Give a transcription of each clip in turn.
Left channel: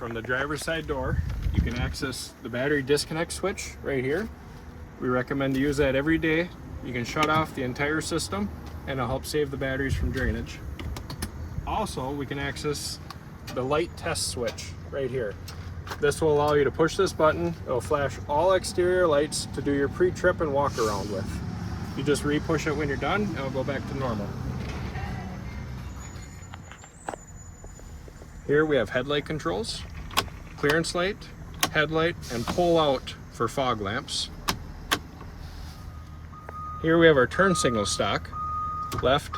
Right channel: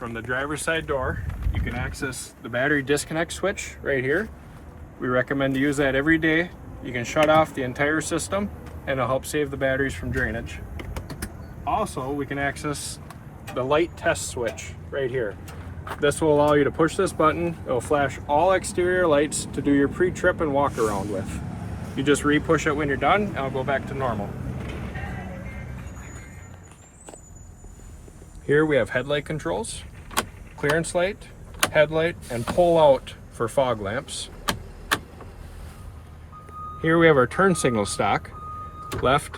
From the driver's side door, you can access the battery disconnect switch right here. We recommend to use that every day. You can shut off the entire system and it'll help save the batteries from drainage. Also, we can access the light test switch right here. This will allow you to push this button. It will flash all exterior lights to do your pre-trip and walk around with. You just re-push it when you're done and it'll go back to normal. Here we have headlight controls, clearance light, headlight, and pull out for fog lamps. Here we have our turn signal stock. Left,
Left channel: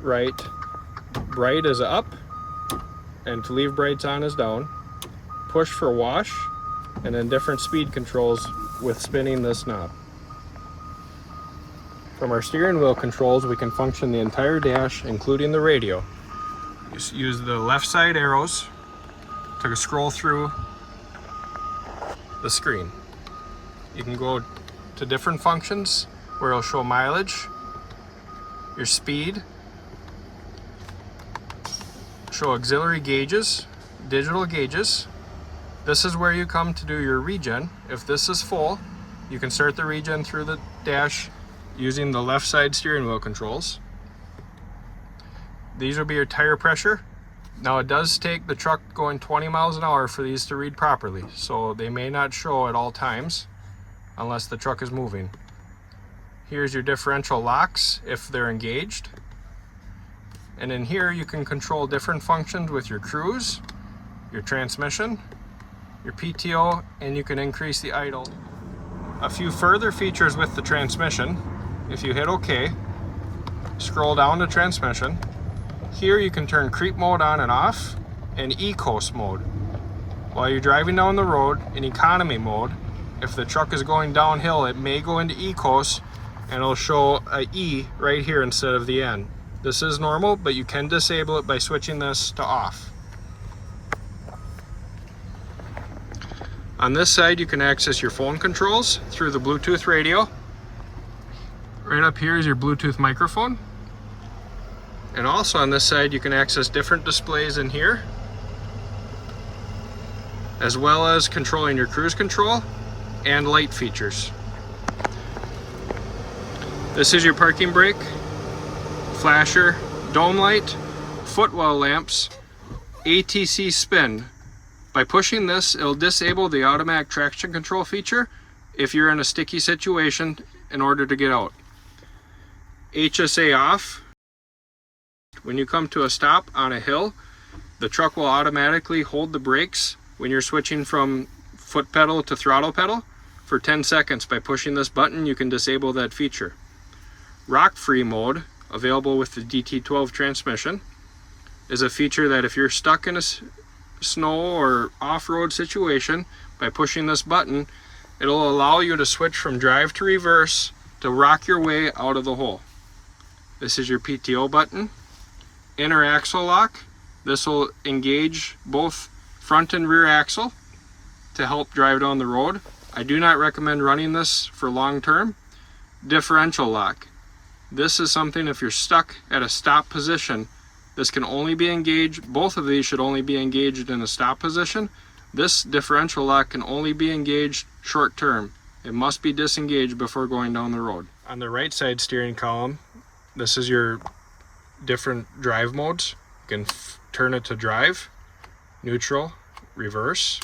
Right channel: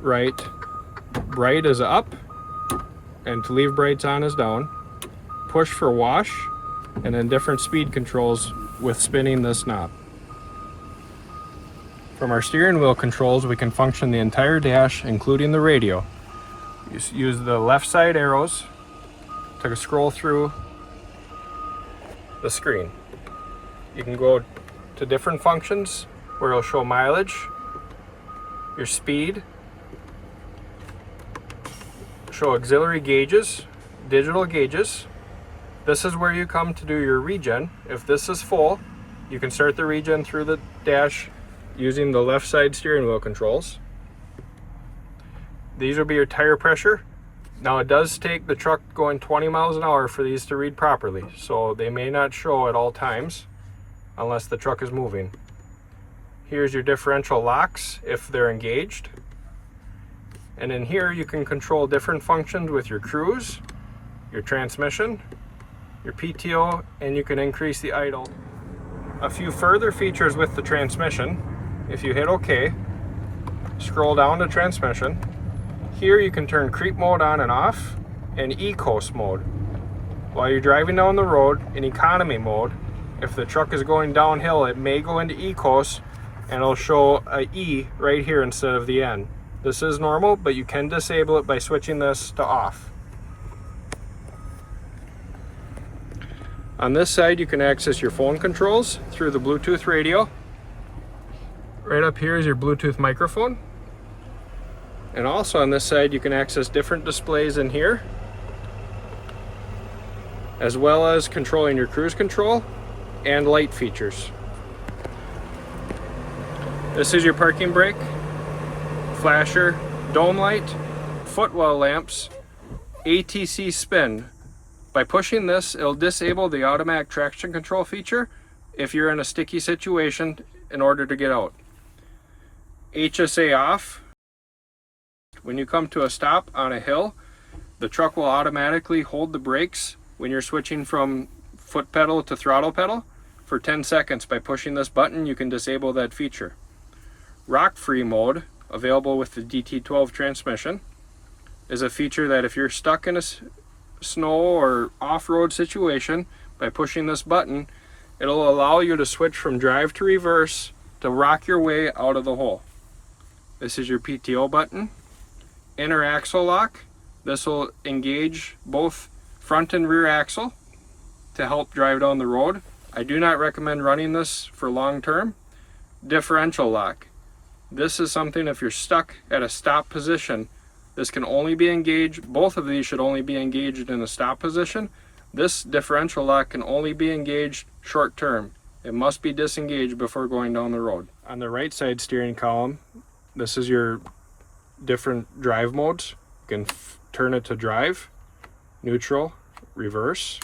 right, bright is up, and to leave brights on is down. Push for wash, and then different speed controls with spinning this knob. From our steering wheel controls, we can function the entire dash, including the radio. Just use the left side arrows to scroll through the screen. You can go to different functions where it'll show mileage, your speed, show auxiliary gauges, digital gauges. This is where you come to do your regen. If this is full, you can start the regen through the dash using the left side steering wheel controls. These will be your tire pressure. Now it does take the truck going 20 miles an hour for these to read properly, so they may not show at all times unless the truck is moving. Here's your differential locks if they're engaged. And in here you can control different functions with your cruise, your transmission, your PTO, and you can increase the idle. A few further features with the transmission. If you hit OK, scroll down to transmission. Here you can turn creep mode on and off, and e-coast mode. While you're driving down the road in economy mode, if the truck is going downhill, it may go into e-coast and it'll show a E right here instead of the N. This is normal, but you can disable it by switching this to off. On this side, you can access your phone controls through the Bluetooth radio. Right up here is your Bluetooth microphone. And also on this side, you can access different displays in here, as well as controlling your cruise control and light features. This is your parking brake, flasher, dome light, footwell lamps, ATC spin. By pushing this, it'll disable the automatic traction control feature if you're in a sticky situation in order to get out. HSA off. When you come to a stop on a hill, the truck will automatically hold the brakes when you're switching from foot pedal to throttle pedal for 10 seconds. By pushing this button, you can disable that feature. Rock-free mode, available with the DT12 transmission, is a feature that if you're stuck in a snow or off-road situation, by pushing this button, it'll allow you to switch from drive to reverse to rock your way out of the hole. This is your PTO button. Inner axle lock. This will engage both front and rear axle to help drive down the road. I do not recommend running this for long term. Differential lock. This is something if you're stuck at a stop position, this can only be engaged, both of these should only be engaged in a stop position. This differential lock can only be engaged short term. It must be disengaged before going down the road. On the right side steering column, this is your different drive modes. You can turn it to drive, neutral, reverse.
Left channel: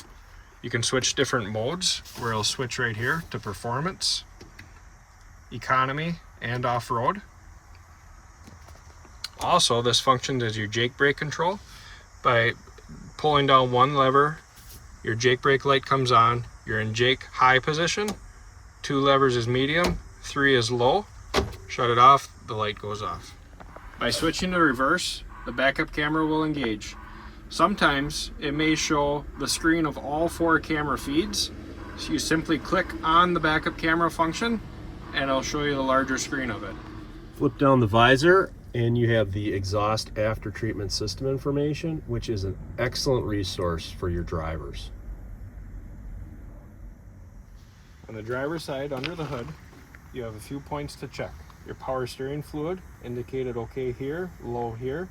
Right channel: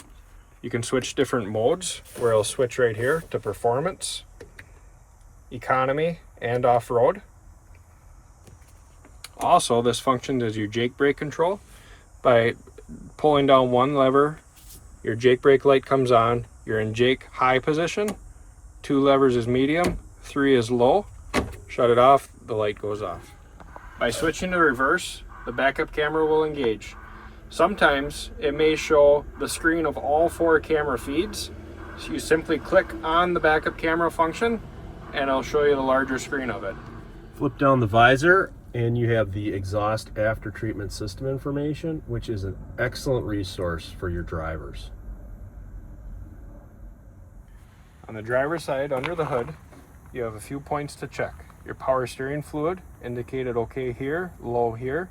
You can switch different modes where it'll switch right here to performance, economy, and off-road. Also, this functions as your jake brake control. By pulling down one lever, your jake brake light comes on. You're in jake high position. 2 levers is medium, 3 is low. Shut it off, the light goes off. By switching to reverse, the backup camera will engage. Sometimes it may show the screen of all 4 camera feeds. So you simply click on the backup camera function and it'll show you the larger screen of it. Flip down the visor and you have the exhaust after treatment system information, which is an excellent resource for your drivers. On the driver's side, under the hood, you have a few points to check. Your power steering fluid indicated okay here, low here.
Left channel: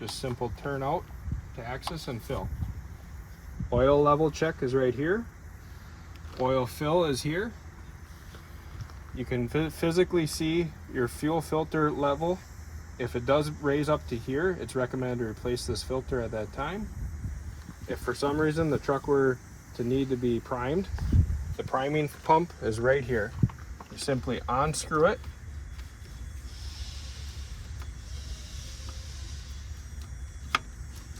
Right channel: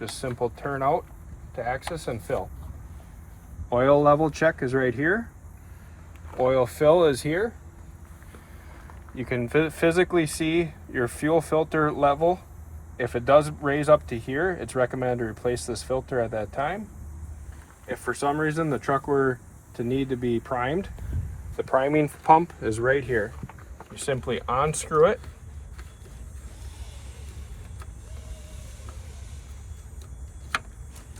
Just simple turn out to access and fill. Oil level check is right here. Oil fill is here. You can physically see your fuel filter level. If it does raise up to here, it's recommended to replace this filter at that time. If for some reason the truck were to need to be primed, the priming pump is right here. You simply unscrew it.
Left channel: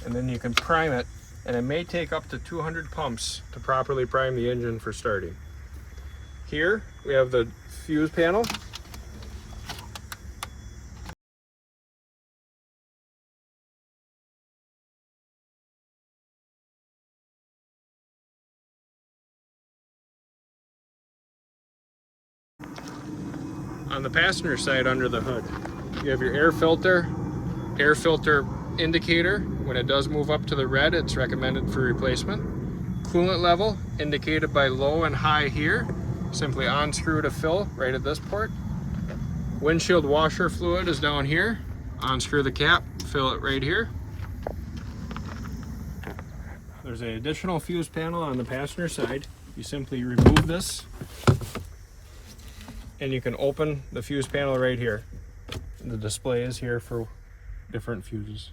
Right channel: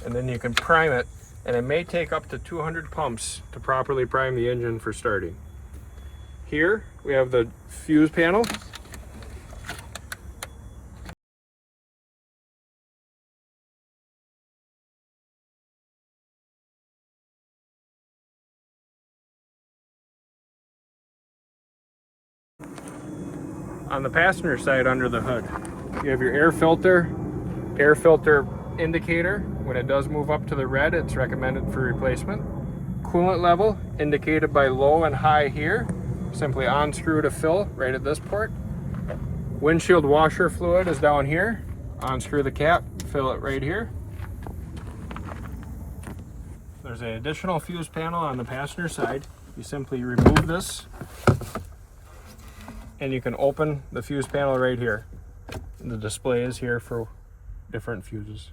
And then you can prime it, and it may take up to 200 pumps to properly prime the engine for starting. Here we have the fuse panel. On the passenger side under the hood, you have your air filter indicator. When it does move up to the red, it's recommended for replacement. Coolant level indicated by low and high here. Simply unscrew to fill right at this port. Windshield washer fluid is down here. Unscrew the cap, fill it right here. There's an additional fuse panel on the passenger side. You simply remove this and you can open the fuse panel right here. The display is here for different fuses.